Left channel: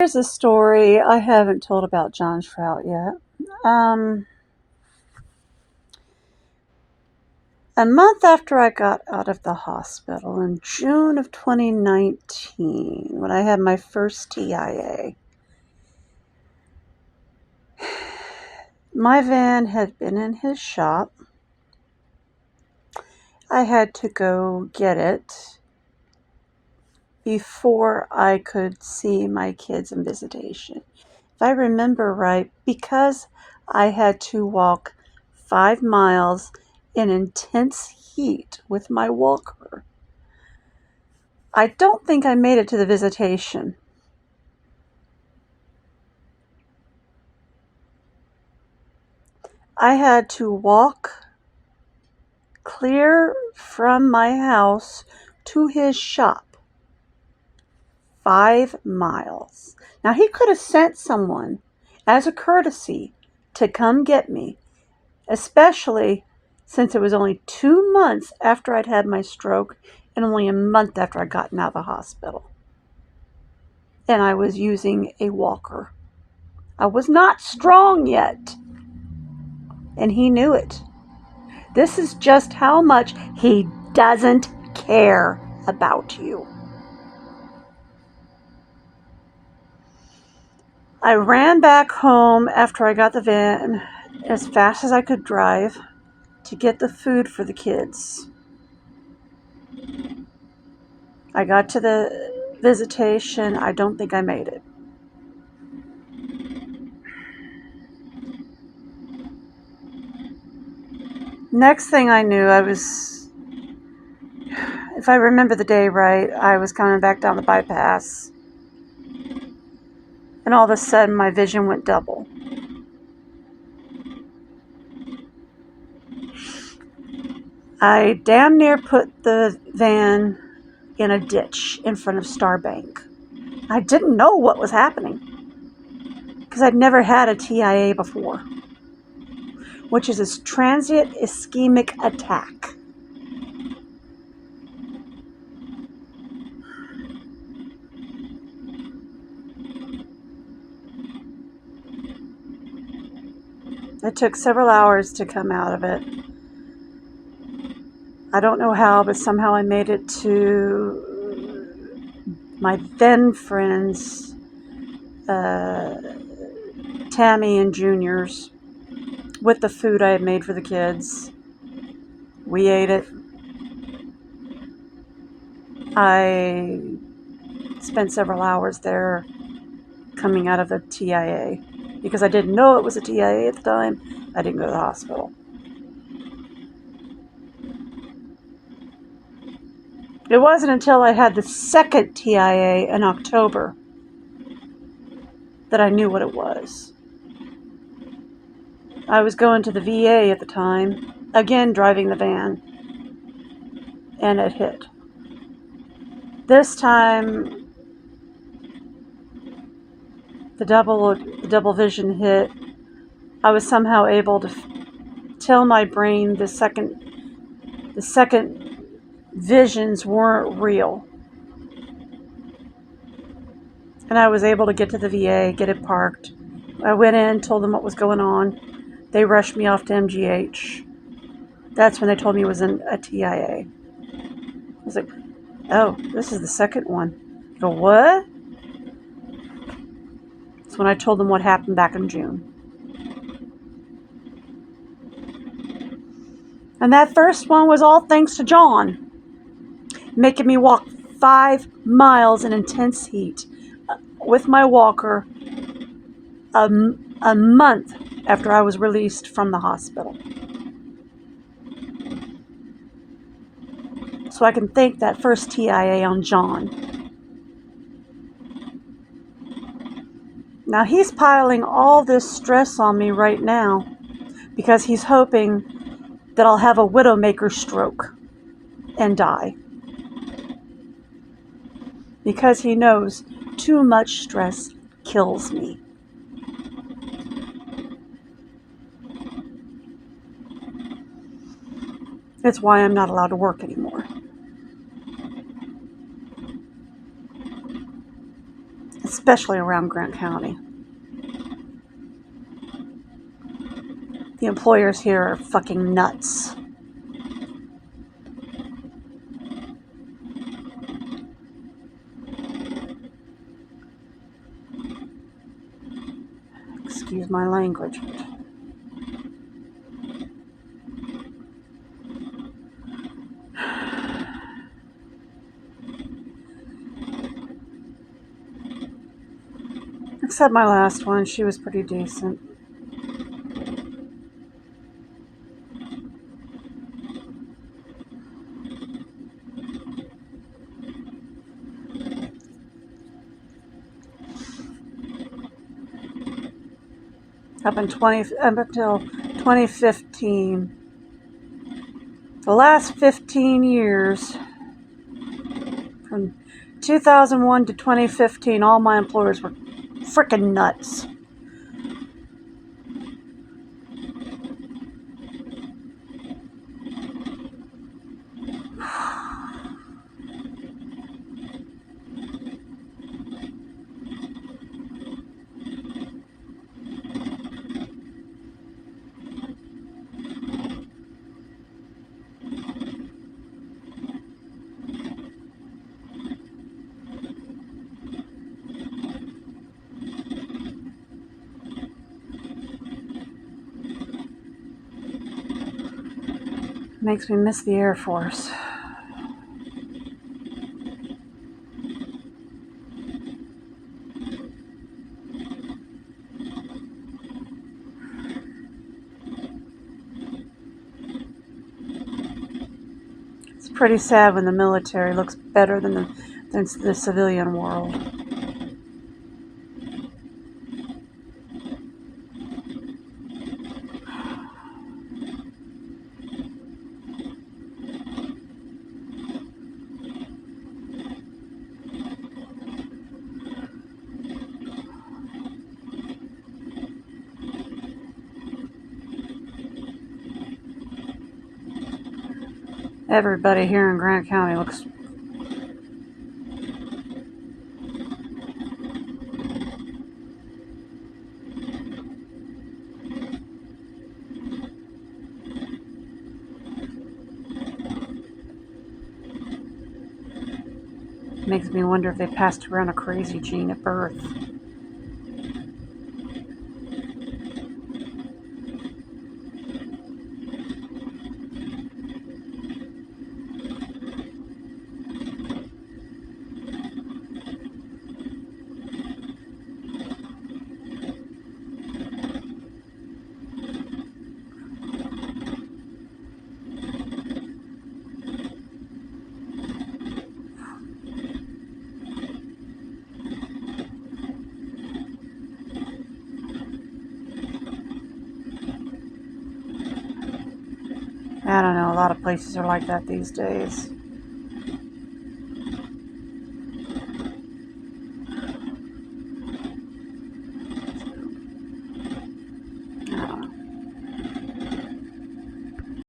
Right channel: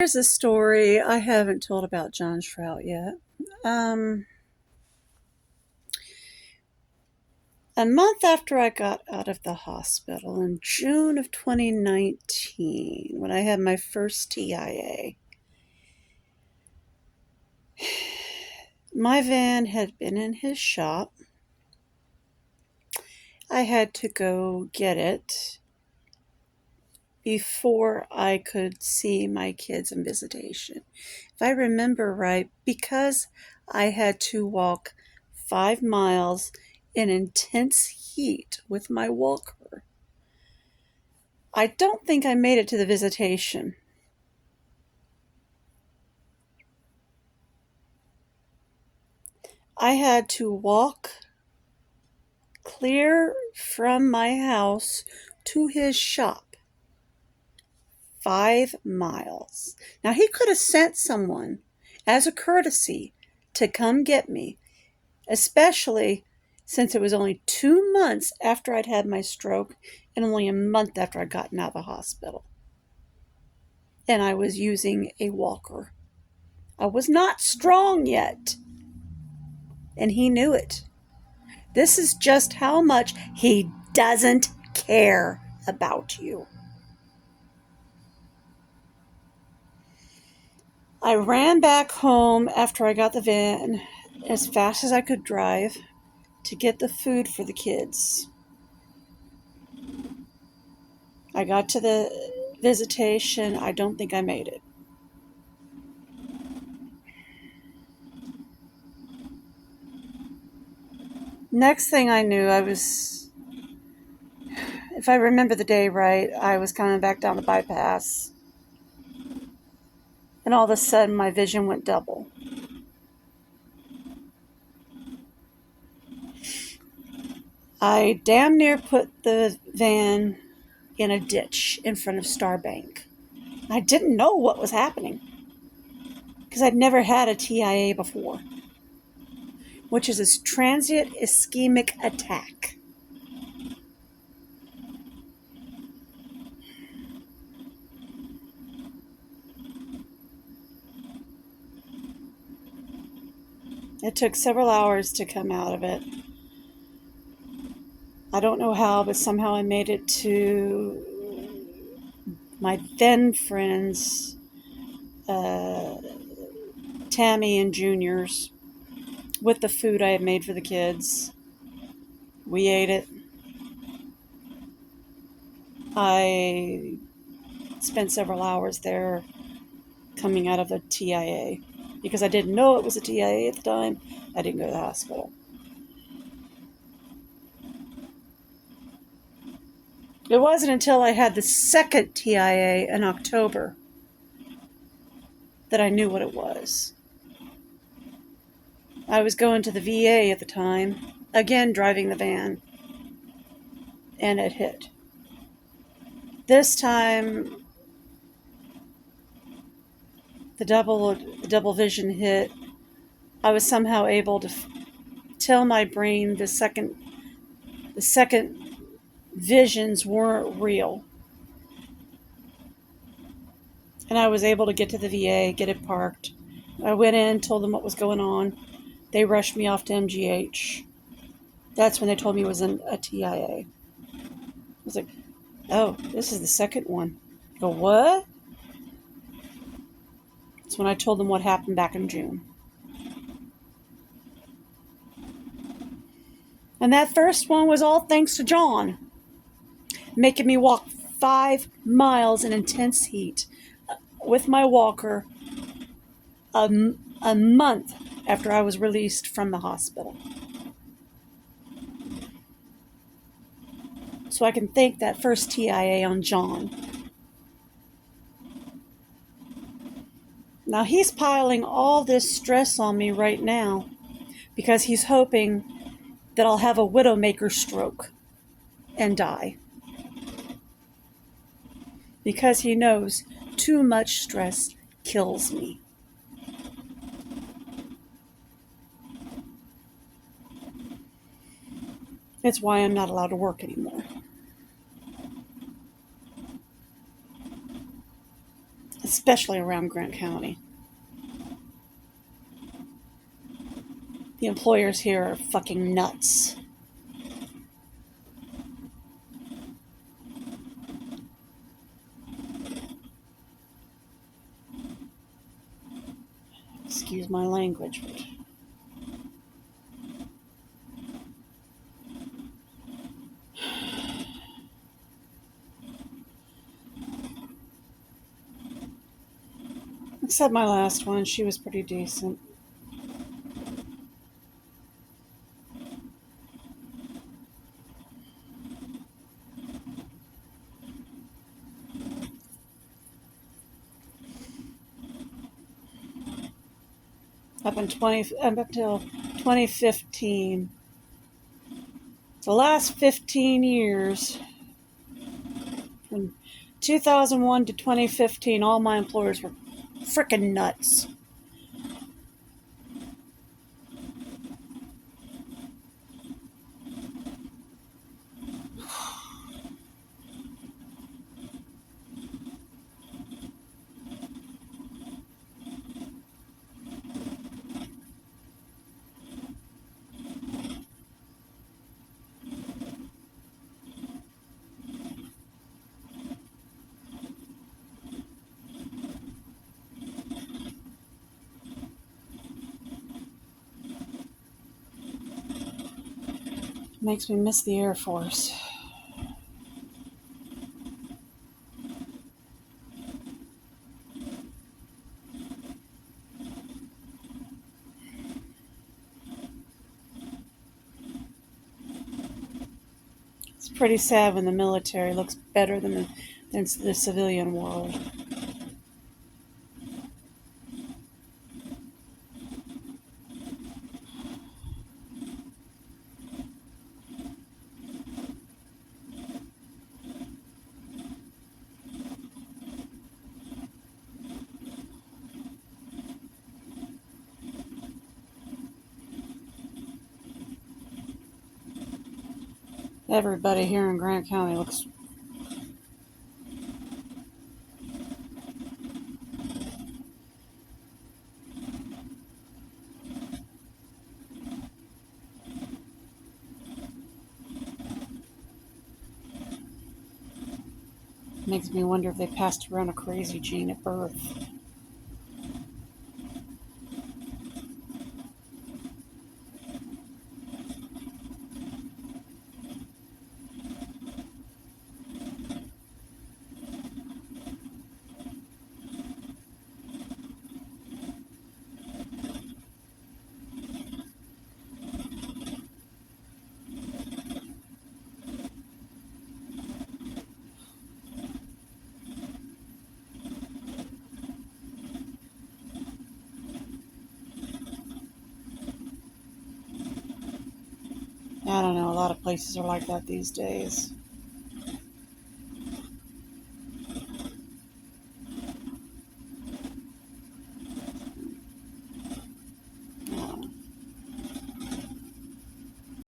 Here's a story I haven't told about John Shrout yet. Um, a month after I got out of the hospital in June of 2019, when I had my first TIA, my van had been in his shop. I had to go get it before I could see my kids in visitation. If I remember right, because I had to walk 5 miles in intense heat with my walker, I don't think I made it to the visitation. I had to walk clear from my house to his shop, 5 miles. Now, he could have sent someone as a courtesy to come get me, especially since it was only 2 months after I'd had my stroke and only a month after I'd gotten out of the hospital. And I was using a walker. I was not strong yet, and he knew it. This is just how much he doesn't care about you. I ran back home after I got the van as fast as I could drive to get the food for the kids. I got to the visitation. I don't think I made it. Next thing I knew, if I remember the day right, I was coming back down the bypass. And all of a sudden, my vision went double. I damn near put the van in a ditch in front of Starbank. I didn't know what was happening because I'd never had a TIA before, which is a transient ischemic attack. It took several hours to come out of it. I don't know how, but somehow I made it to my then friends, Tammy and Junior's, with the food I had made for the kids. We ate it. I spent several hours there coming out of the TIA because I didn't know it was a TIA at the time. I didn't go to the hospital. It wasn't until I had the second TIA in October that I knew what it was. I was going to the VA at the time, again driving the van, and it hit. This time, the double vision hit. I was somehow able to tell my brain the second visions weren't real. And I was able to get to the VA, get it parked. I went in, told them what was going on. They rushed me off to MGH. That's when they told me it was a TIA. I was like, oh, this is the second one. I go, what? That's when I told them what happened back in June. And that first one was all thanks to John, making me walk 5 miles in intense heat with my walker a month after I was released from the hospital. So I can thank that first TIA on John. Now he's piling all this stress on me right now because he's hoping that I'll have a widowmaker stroke and die. Because he knows too much stress kills me. That's why I'm not allowed to work anymore. especially around Grant County. The employers here are fucking nuts. Excuse my language. Except my last one, she was pretty decent. Up until 2015. The last 15 years, from 2001 to 2015, all my employers were frickin' nuts. Makes me miss the Air Force. It's pretty sad when the military looks better than the civilian world. Everybody here in Grant County looks makes me wonder if they passed around a crazy gene at birth. I don't know, a lot of places are like that these days.